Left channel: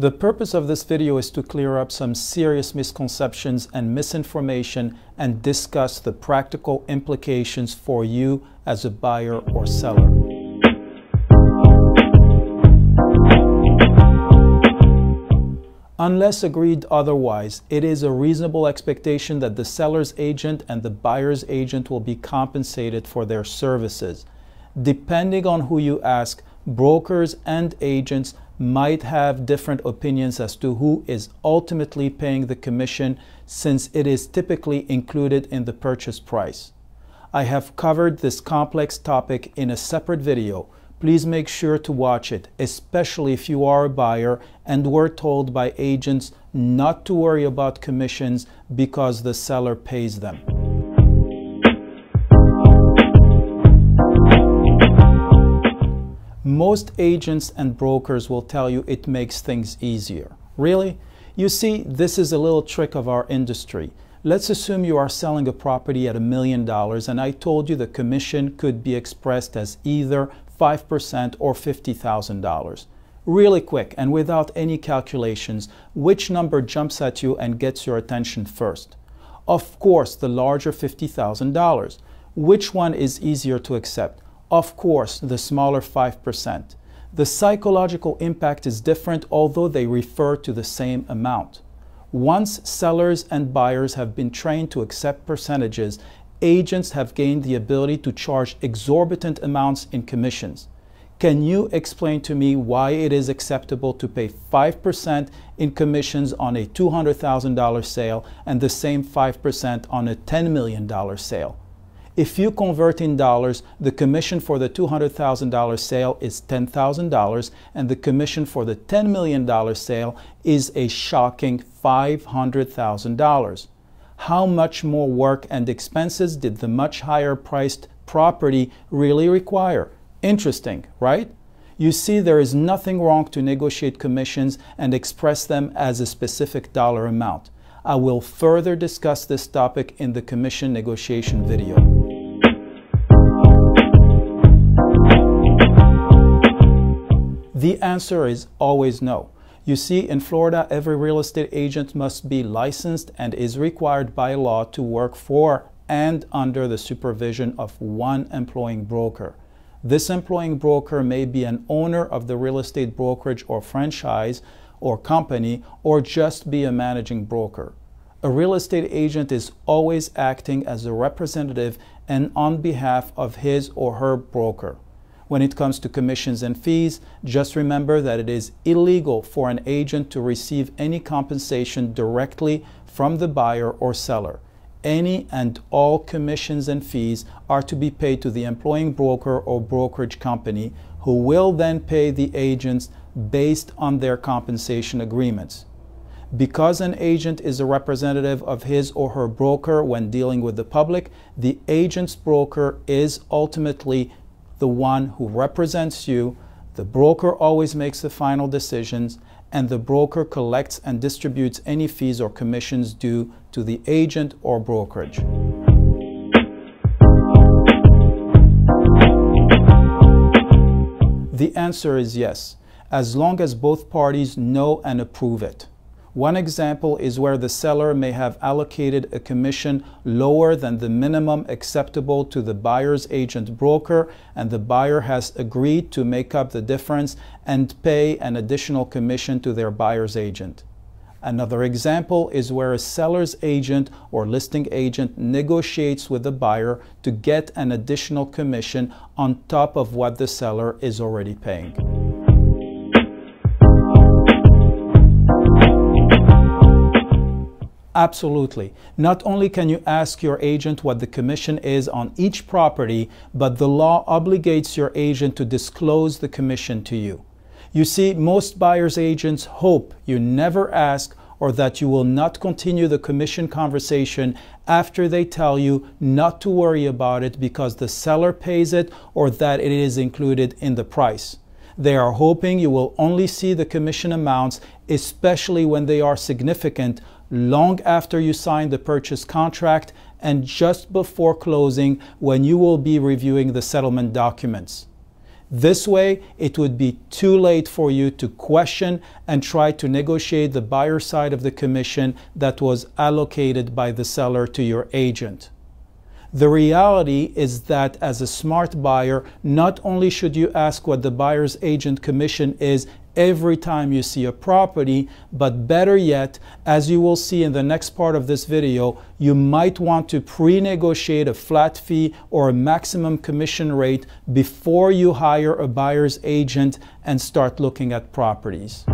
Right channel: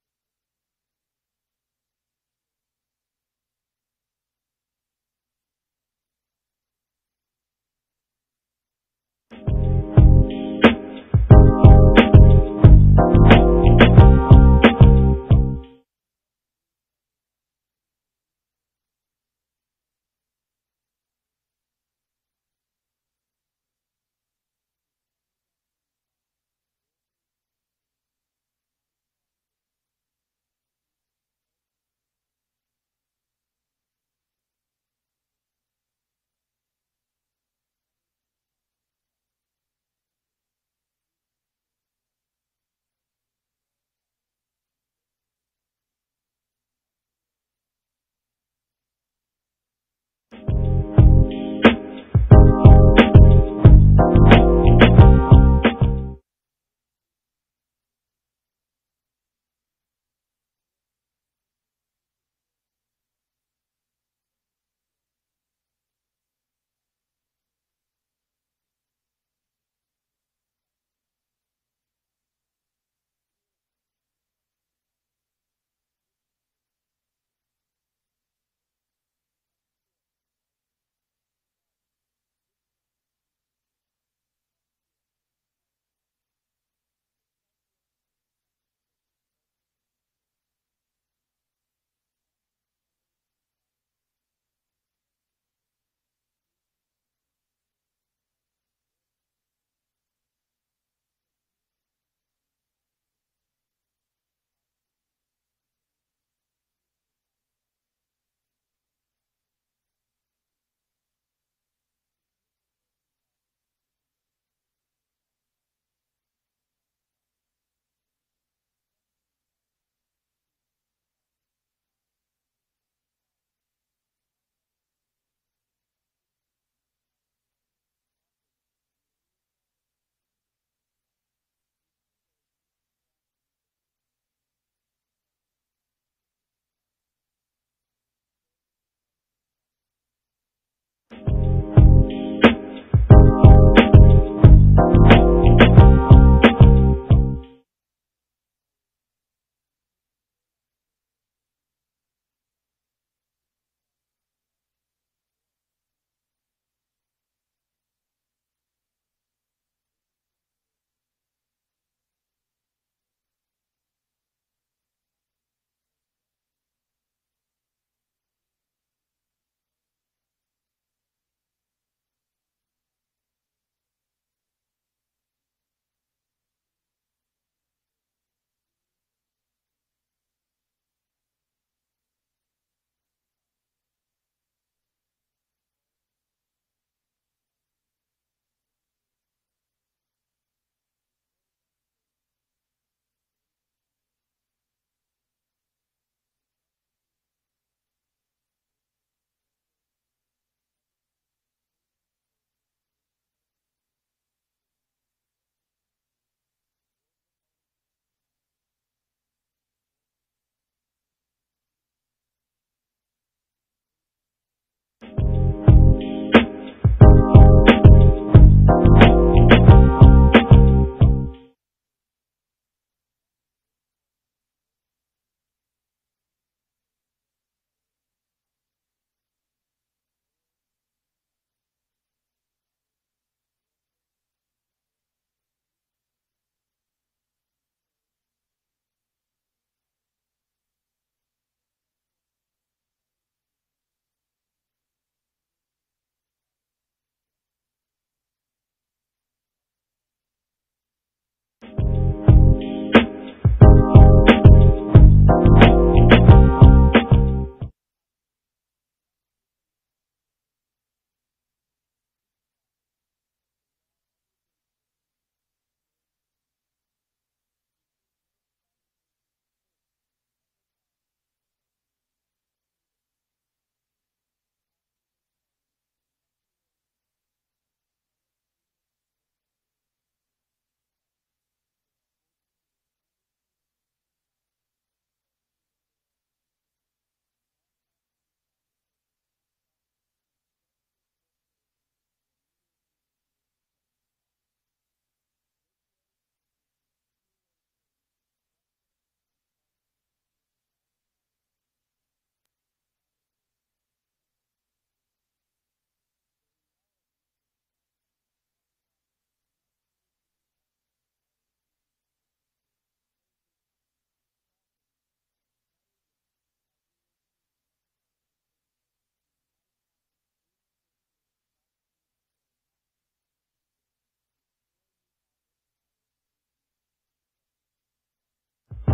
The purpose of this video is to clear up some serious misconceptions and misinformation and discuss the practical implications for you as a buyer or seller. Unless agreed otherwise, it is a reasonable expectation that the seller's agent and the buyer's agent will be compensated for their services. Depending on who you ask, brokers and agents might have different opinions as to who is ultimately paying the commission, since it is typically included in the purchase price. I have covered this complex topic in a separate video. Please make sure to watch it, especially if you are a buyer and were told by agents not to worry about commissions because the seller pays them. Most agents and brokers will tell you it makes things easier. Really? You see, this is a little trick of our industry. Let's assume you are selling a property at $1 million and I told you the commission could be expressed as either 5% or $50,000. Really quick and without any calculations, which number jumps at you and gets your attention first? Of course, the larger $50,000. Which one is easier to accept? Of course, the smaller 5%. The psychological impact is different, although they refer to the same amount. Once sellers and buyers have been trained to accept percentages, agents have gained the ability to charge exorbitant amounts in commissions. Can you explain to me why it is acceptable to pay 5% in commissions on a $200,000 sale and the same 5% on a $10 million sale? If you convert in dollars, the commission for the $200,000 sale is $10,000 and the commission for the $10 million sale is a shocking $500,000. How much more work and expenses did the much higher priced property really require? Interesting, right? You see, there is nothing wrong to negotiate commissions and express them as a specific dollar amount. I will further discuss this topic in the commission negotiation video. The answer is always no. You see, in Florida, every real estate agent must be licensed and is required by law to work for and under the supervision of one employing broker. This employing broker may be an owner of the real estate brokerage or franchise or company, or just be a managing broker. A real estate agent is always acting as a representative and on behalf of his or her broker. When it comes to commissions and fees, just remember that it is illegal for an agent to receive any compensation directly from the buyer or seller. Any and all commissions and fees are to be paid to the employing broker or brokerage company, who will then pay the agents based on their compensation agreements. Because an agent is a representative of his or her broker when dealing with the public, the agent's broker is ultimately the one who represents you. The broker always makes the final decisions, and the broker collects and distributes any fees or commissions due to the agent or brokerage. The answer is yes, as long as both parties know and approve it. One example is where the seller may have allocated a commission lower than the minimum acceptable to the buyer's agent broker, and the buyer has agreed to make up the difference and pay an additional commission to their buyer's agent. Another example is where a seller's agent or listing agent negotiates with the buyer to get an additional commission on top of what the seller is already paying. Absolutely. Not only can you ask your agent what the commission is on each property, but the law obligates your agent to disclose the commission to you. You see, most buyer's agents hope you never ask, or that you will not continue the commission conversation after they tell you not to worry about it because the seller pays it or that it is included in the price. They are hoping you will only see the commission amounts, especially when they are significant, long after you sign the purchase contract and just before closing, when you will be reviewing the settlement documents. This way, it would be too late for you to question and try to negotiate the buyer side of the commission that was allocated by the seller to your agent. The reality is that as a smart buyer, not only should you ask what the buyer's agent commission is every time you see a property, but better yet, as you will see in the next part of this video, you might want to pre-negotiate a flat fee or a maximum commission rate before you hire a buyer's agent and start looking at properties.